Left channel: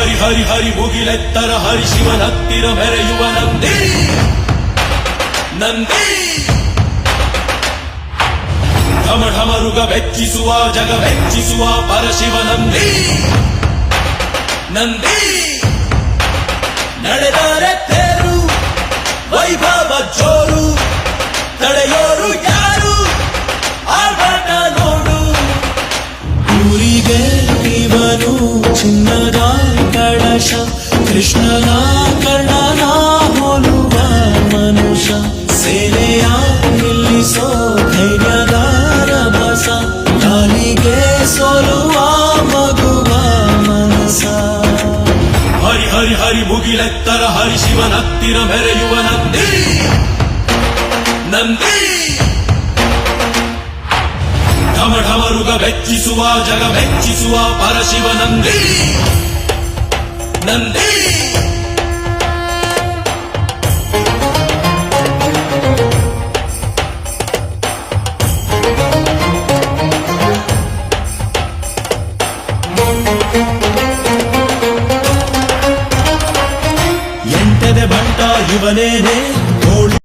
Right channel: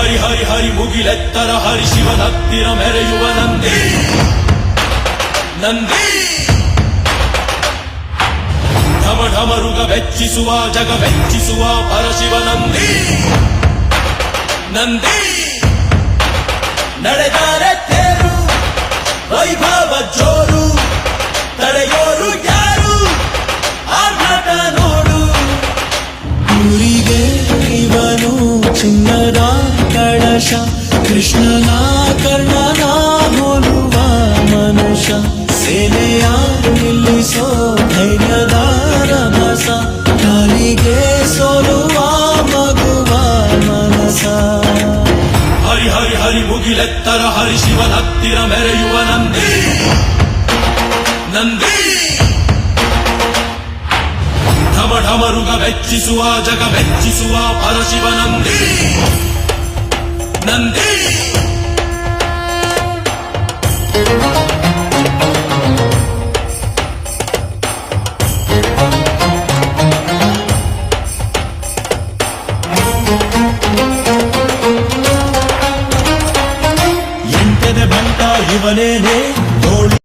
ಹರಿ ಹರಿ ಹರಿ ಮುಗಿಲೆತ್ತರ ಹರಿ ಶಿವನತ್ತಿರ ಮೆರೆಯುವ ನಂದಿ ನಂದಿ ಢಮ ಢಮರುಗ ಬೆಚ್ಚಿಸುವ ಜಗ ಬೆಚ್ಚಿಸುವ ಪರಶಿವ ನಂದಿ ನಂದಿ ನಡೆದಾರೆ ತೇರು ವೈಭವ ಜೋರು ತಡೆಯೋರು ಯಾರು ಆರ್ಭಟ ನೋಡು ಊರಿಗೆ ಇವನು ಚಿನ್ನದ ಕಳಶ ಕೃಷ್ಣನ ಕರ್ಣನ ಹೋಲುವ ಮನುಷ್ಯ ಸೇನೆಯ ನಿಲ್ಲಿಸೋ ಧೈರ್ಯದ ರಭಸ ಕಾಲಿಗೆ ಸೋಲುವ ಮಗುವ ಮನಸ ಹರಿ ಹರಿ ಹರಿ ಮುಗಿಲೆತ್ತರ ಹರಿ ಶಿವನತ್ತಿರ ಮೆರೆಯುವ ನಂದಿ ನಂದಿ ಢಮ ಢಮರುಗ ಬೆಚ್ಚಿಸುವ ಜಗ ಬೆಚ್ಚಿಸುವ ಪರಶಿವ ನಂದಿ ನಂದಿ ಎಂಟದೆ ಬಂಟ ಇವನೇನೆ